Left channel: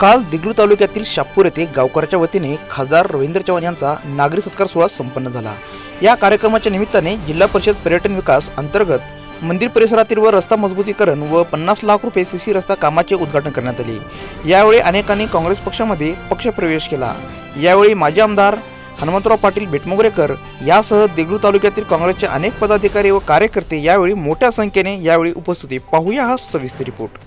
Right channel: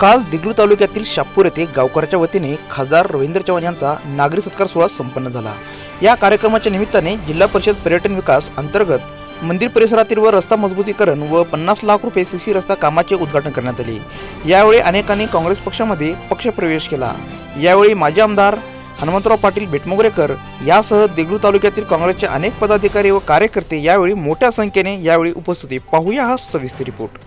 काल दिगलू तालुक्यातील शापूर येथे गावकऱ्याच्या वतीने खासदार रवींद्र चव्हाण यांचा नागरी सत्कार सोहळा संपन्न झाला. या कार्यक्रमाच्या निमित्ताने जिल्हा परिषद पर्यटन विकास अंतर्गत मंदिर परिसरातील व रस्ता मजबूतीकरण व पन्नास लाख रुपये सीसी रस्ता कामाचे उद्घाटन करण्यात आले. यावेळी अनेकांनी काँग्रेस पक्षामध्ये पक्षप्रवेश केला. यावेळी माजी आमदार हनुमंतराव पाटील बेटमोगरेकर यासह देगलू तालुक्यातील काँग्रेसचे अनेक पदाधिकारी व कार्यकर्ते यावेळी मोठ्या संख्येने यावेळी उपस्थित. पाहूया हा सविस्तर रिपोर्ट.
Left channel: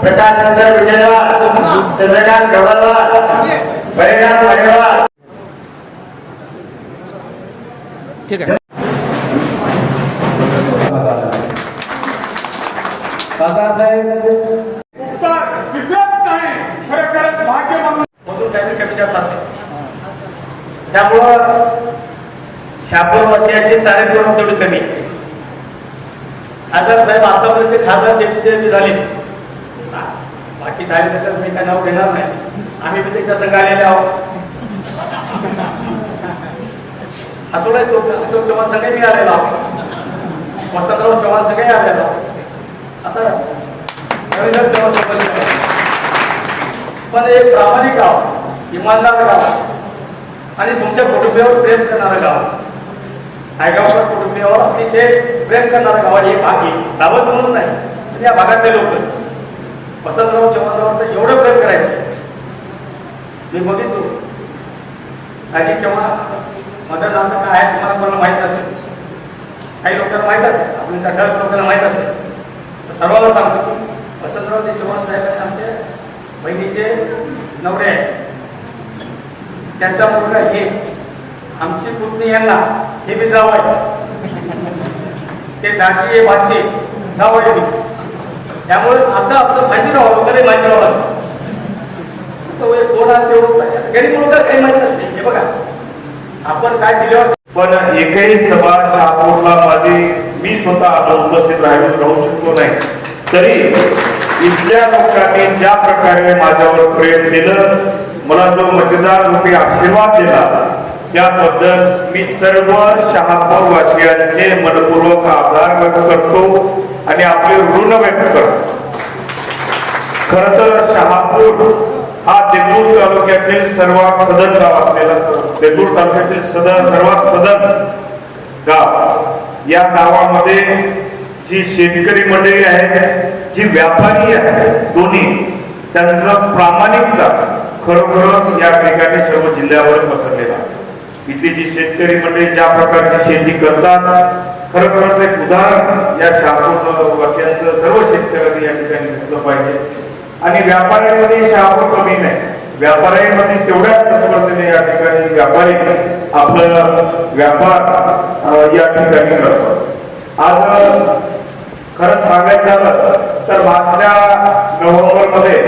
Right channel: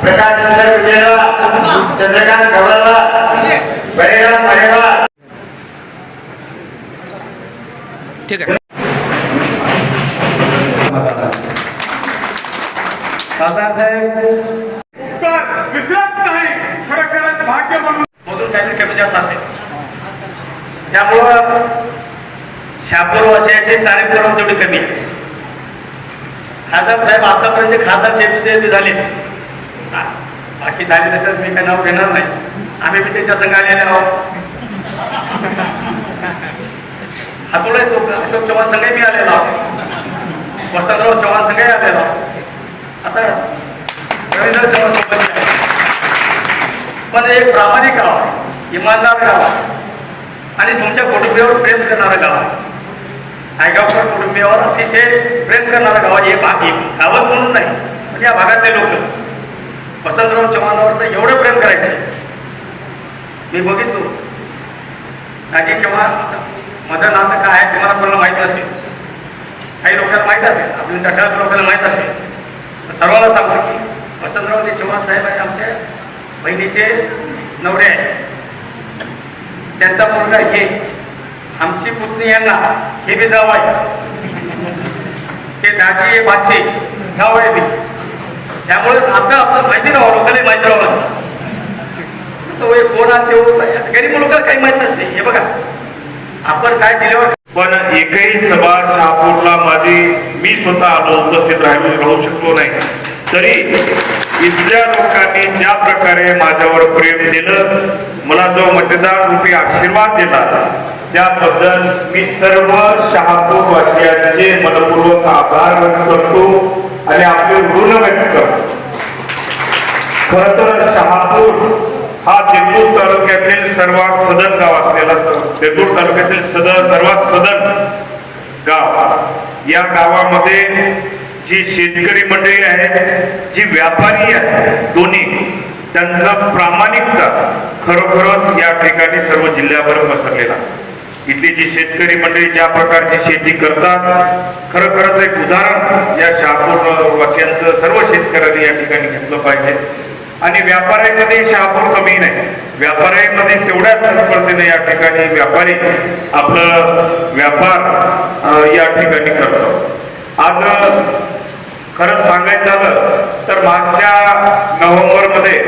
प्रकाश चंद्र चंद्रकांत गवळला परिणाम पडेवा ठीक आहे विसरत नाही खरं भाग्य म्हणून मधून काहीतरी कमी जास्त असेल त्यामुळं शापूर तारीख कमी कमी खासदार साहेब आतापर्यंत खासदार जे झाले बाकी झाले त्याच्यात मी काय नाव घेणार नाही. आम्ही बी त्याच्या संघ आलेले आहोत. अकोला अशोक चव्हाण संघ मी आलेलो आहोत. वसंतराव चव्हाण संघ आलेलो आहोत. आता रवींद्र चव्हाण सोबत पण एक प्रामाणिक गाव आहे, इमानदार गाव आहे. आणि तुमच्या कुटुंबियावर प्रेम करणारं गाव आहे. नायगावकर कुटुंबियावर अतिशय प्रेम करणारं गाव आहे. हे भाग गावच म्हणून नाही पण या भागातले लोक. वसंतराव चव्हाणावर तर एवढं प्रेम करायचे. मी बघितलो. आधी केव्हा माझं नातं काय आहे तुम्हाला कोणाला माहीत असेल. काही लोकांना माहीत असेल. आपल्या ठराविक लोकांना माहीत असेल. तर सर्वांना सांगतो की वसंतराव चव्हाण साहेब हे आमच्या बहिणीचे नवरे आहेत. त्यांचा मुलगा हे आमची पुतणी यांना हे बी जावं आहे ते दाची भाचे जाव बी. त्यामुळे आता आपलं माहिती राहावं लोकांना माहिती राहावं तो एक कोण आहे ते गरीब लोकांना काही माहीत नसते. हे बघा. आपण काय दिल्यावर पण एकही सभा शहापूरला माझी मी स्वतः आलो उपस्थित राहिलो राहू शकलो नाही. तरी इथल्या लोकांनी ज्या प्रकारे माझ्यावर प्रेम दिलं मला जो मतदार रूपी आशीर्वाद दिला त्याबद्दल मी सर्व शहापूर वासियांचे मनपूर्वक आभार व्यक्त करतो आणि आपले ऋण व्यक्त करतो. खर तर शहापूर हा देगलूर तालुक्यातील सर्वात सदन गाव असलेला देगलूर तालुक्यातील सदन सर्वात सदन गाव. या गावामध्ये जी शेतकरी मंडळी आहेत जी व्यापारी आहेत दोन्ही त्यांचा प्रामाणिकता खरोखरच या ठिकाणी सर्व जिल्ह्यावर पसरलेला इथली जी शेतकरी मंडळी ज्या प्रकारची शेती करतात खरोखरच एक उदाहरण या शहापूर वासियांचं सर्व शेतकऱ्यांनी या ठिकाणी घेतलं पाहिजे. आणि व्यापाऱ्यांमध्ये शहापूर कमी नाही. व्यापाऱ्यांमध्ये तेवढ्याच तत्परतेने या ठिकाणी व्यापारी आपलं व्यापार या ठिकाणी करतो. आज खरंच सांगायचं झालं तर मागच्या नोव्हेंबरमध्ये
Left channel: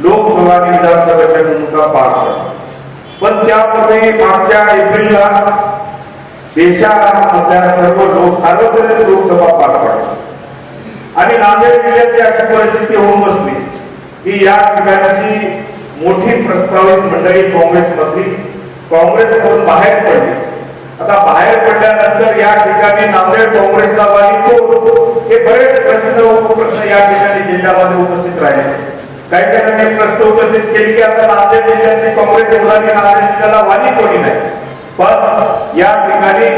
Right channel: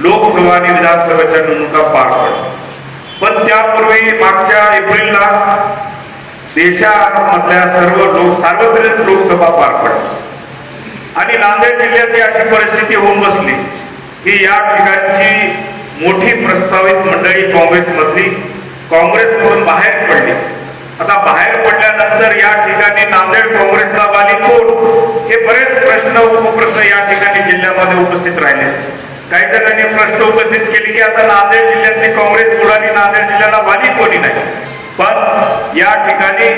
लोकसभा आणि विधानसभेच्या निवडणुका पार पडल्या. पण त्यापूर्वी मागच्या एप्रिलला देशामधल्या सर्व लोक सार्वत्रिक लोकसभा पार पडली. आणि नांदेड जिल्ह्याची अशी परिस्थिती होऊन बसली की या ठिकाणची मोठी प्रस्तावित मंडळी काँग्रेसमधली काँग्रेसमधून बाहेर पडली. आता बाहेर पडल्यानंतर या ठिकाणी नांदेड काँग्रेसला वाली कोण? हे बरेच प्रश्न उपप्रश्न या ठिकाणी जिल्ह्यामध्ये उपस्थित राहिले. काही जणांनी प्रश्न उपस्थित केले की आता नांदेड जिल्ह्यातली काँग्रेस उडाली नांदेड जिल्ह्याला वाली कोणी नाही. पण या ठिकाणी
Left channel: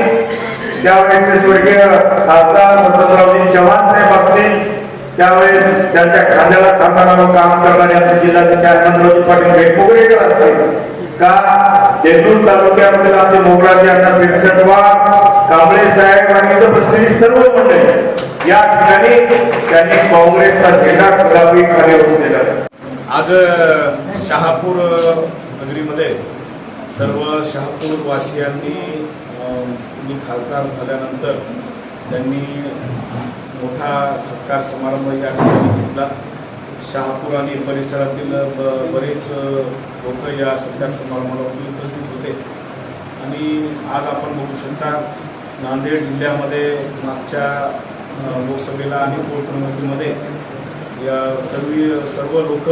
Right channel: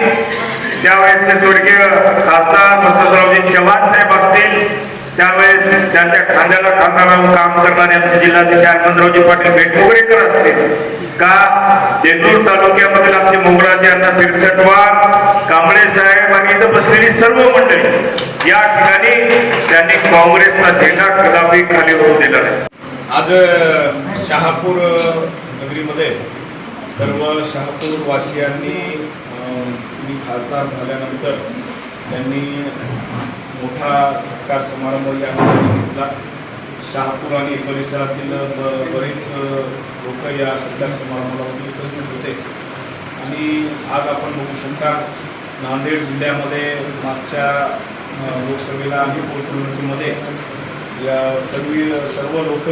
त्यावेळेसचे स्वर्गीय खासदार वसंतरावजी चव्हाण साहेब असतील त्यावेळेस त्यांच्या खांद्याला खांदा लावून काम करणारे आमचे जिल्हाध्यक्ष आनंदरावजी पाटील बेटमुगरेकर असतील का देगलूर तालुक्यामधील आमचे मोगराचे अण्णा सिरसटवा कांबळे साहेब आणि इथं बसलेली सर्व मंडळी या ठिकाणी त्यांनी काँग्रेसचा झेंडा कदापि खाली होऊन दिला. आज शहापूर नगरीमध्ये सर्व शहापूर वासियांनी मी खासदार झाल्यानंतर त्यांनी मोठा सत्कार समारंभ या ठिकाणी घेतला. शहापूर आणि परिसरातील ब- बरेच लोक या सत्कार समारंभाला उपस्थित होते. आणि आज आपण बघू शकता नांदेड जिल्ह्यामध्ये मागच्या लोकसभेला आणि पोटनिवडणुकीमध्ये या सर्व सर्व लोक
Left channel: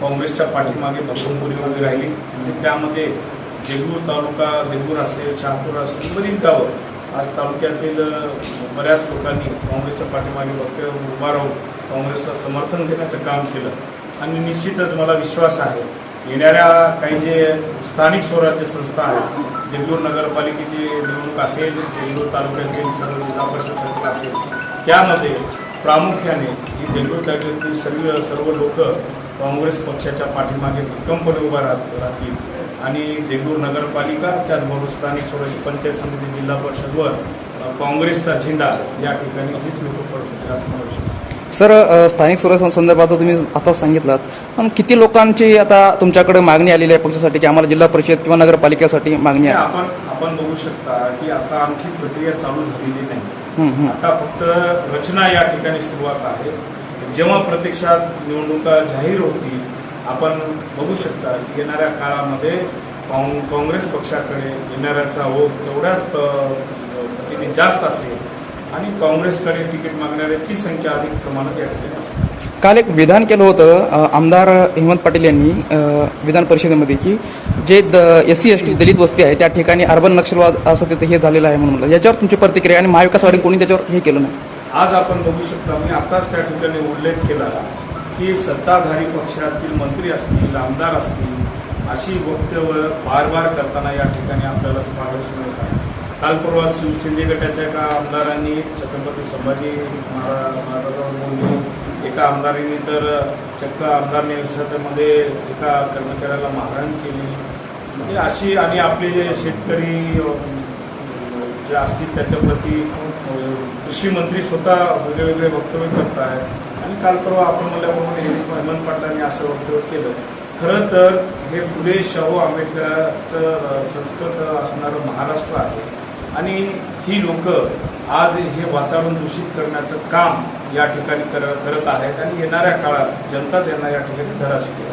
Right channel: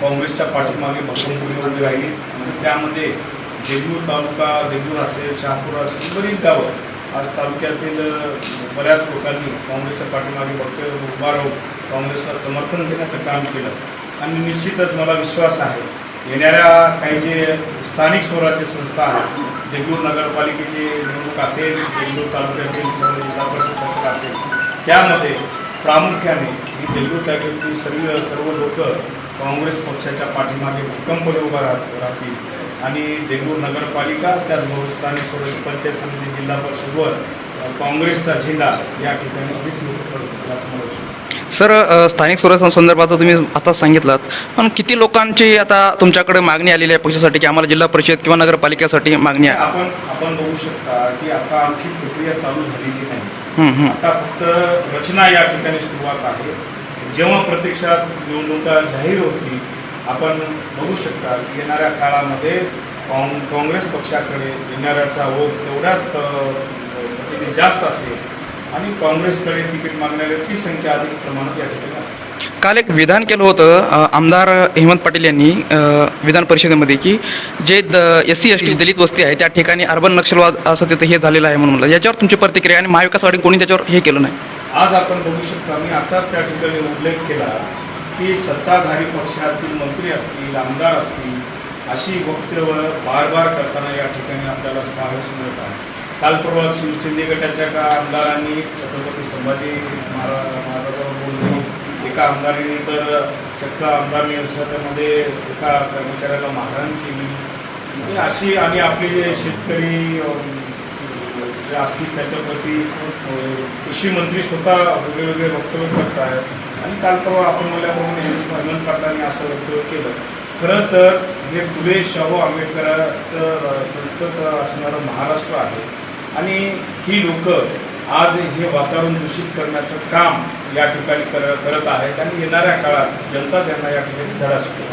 काँग्रेसच्या पाठीमागे भक्कमपणे उभी राहिली. आणि त्यामध्ये देगूर तालुका देगूर असेल शहापूर असेल बरीच गावं आज तालुक्यातील बऱ्याच लोकांनी काँग्रेसच्या पाठीमागे भक्त उभा राहून काँग्रेसला समर्थन देण्याचं काम केलं. आणि निश्चितच मला विश्वास आहे येणाऱ्या काही जे स्थानिक स्वराज्य संस्था आहेत देगलूर नगरपालिकेची निवडणूक असेल देगलूर तालुक्यातील सर्व जिल्हा परिषद संस्था असेल त्यामध्ये प्रामुख्याने ही देगलूर तालुक्यातील सर्व सर्व लोक काँग्रेस पक्षाच्या पाठीमागे भक्कमपणे उभा राह राहतील. आणि देगलूर नगरपालिका त्याचबरोबर स्थानिक स्वराज्य पंचायत समिती जिल्हा परिषदवर काँग्रेसचा झेंडा या ठिकाणी हीच लोक पडतील असं मला विश्वास सर स्थानिक स्वराज्य संदर्भात तुम्ही आता सांगितलात पण किती लोकांची आता तुमच्याकडे मागणी आलेली आहे पक्षासाठी की आम्हाला जिल्हा परिषद किंवा नगरपालिकेसाठी मागणी आहे? आपण आपण बघू शकता की आता आणखी प्रक्रिया चालू झालेली नाही. आता फक्त रचना या ठिकाणी सुरुवात आहे. जेव्हा प्रत्यक्षात निवडणुका जाहीर होतील आपण बघू शकता येणाऱ्या काळामध्ये काँग काँग्रेस पक्षाकडे येणाऱ्याचा ओघ तेवढ्याच जास्त असेल आणि काँग्रेसकडे तिकीट मागणाऱ्याची संख्या अधिक प्रमाणात या ठिकाणी काल एक विधान केलं होतं आमदार हेमंत पाटील यांनी विधान परिषदेमध्ये की जे the S C S T दलित वस्ती आहे त्या ठिकाणी अर्बन नक्षलवाद असं तिथं हे झालेलं आहे म्हणून म्हणलं. याच्यावर तुमची प्रतिक्रिया आणि महाविकास आघाडी कोणी त्याच्यावर हे केलं नाही? आज आपण बघू शकता मी आताच त्या ठिकाणी उल्लेख केला की सत्ताधारी पक्षातील मंत्री असतील आमदार असतील अशी वक्तव्य बार बार करताना या ठिकाणी आपल्याला पाहावयास मिळत आहे. काल परवा शिव गटाच्या एका आमदारांनी छत्रपती संभाजी महाराज महाराजांवर एका आमदारीने तर चक्क आमदार निवसामध्ये एका कर्मचाऱ्याला मारहाण केली. म्हणजे अशी आणि आपले जे शेतकरी जे असतील त्याच्याप्रती कृषी मंत्री स्वतः वेगळे वेगळे वक्तव्य करत आहेत आणि काल परवा आपण मला हेमंत पाटलांनी असं वक्तव्य केलं. खरं तर हे फुले शाहू आंबेडकरांचं संस्कृत असणारं महाराष्ट्र आहे. आणि ही लोक आज हे वातावरण दूषित करण्याचं काम या ठिकाणी कर करत आहेत. आणि येणाऱ्या काळात जनता ज्यांना या ठिकाणी धडा शिकवत